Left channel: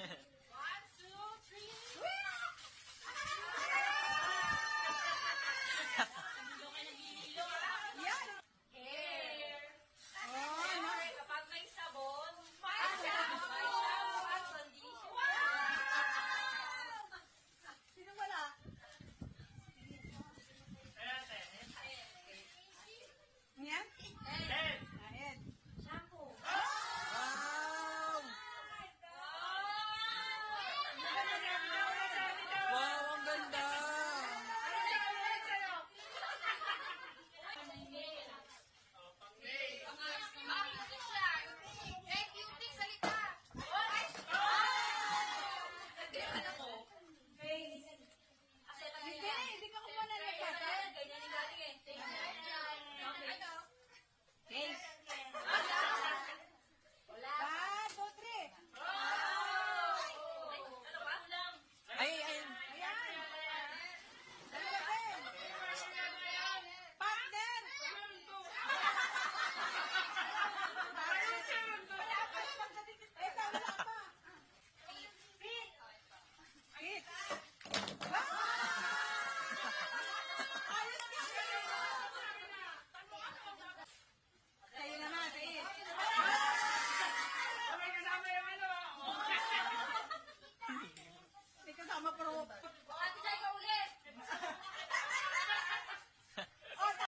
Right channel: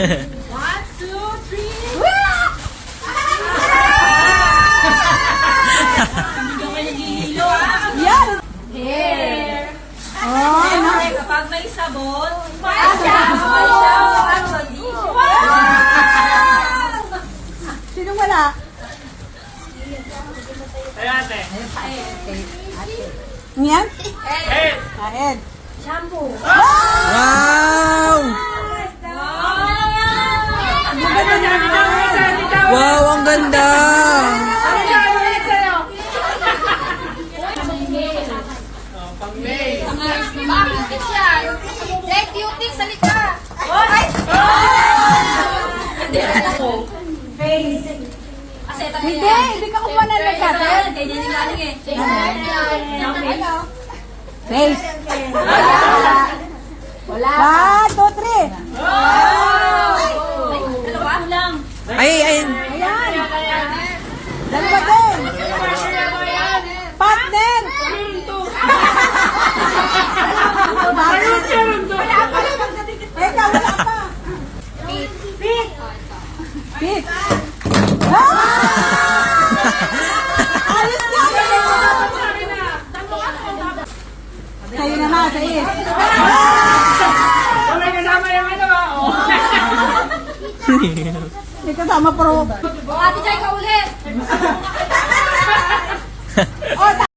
One, two, three. Hindi ka nagihilo ah. Yan! Hair. Oh, Siyempre, kapag may sabon, may shower at condition. Sino wala? Yan? Ed. Shampoo. Wow! Wow, ang ganda! Bakit yan? Let cutie sa likod. Hindi ako. Face. Kasi ito Hindi ka kumuha ng nagkate. Ganyan yung galing eh. Face. Wala. 1, 2, 3. Dalawa lang. Ay, ay, Ayan. Dalawa din. Partner. Eka, wala pa. Pit. Ayos na. Sa'yo na na, sa'yo. May kasama pro. O, Ate Jai ka ulit. Oh,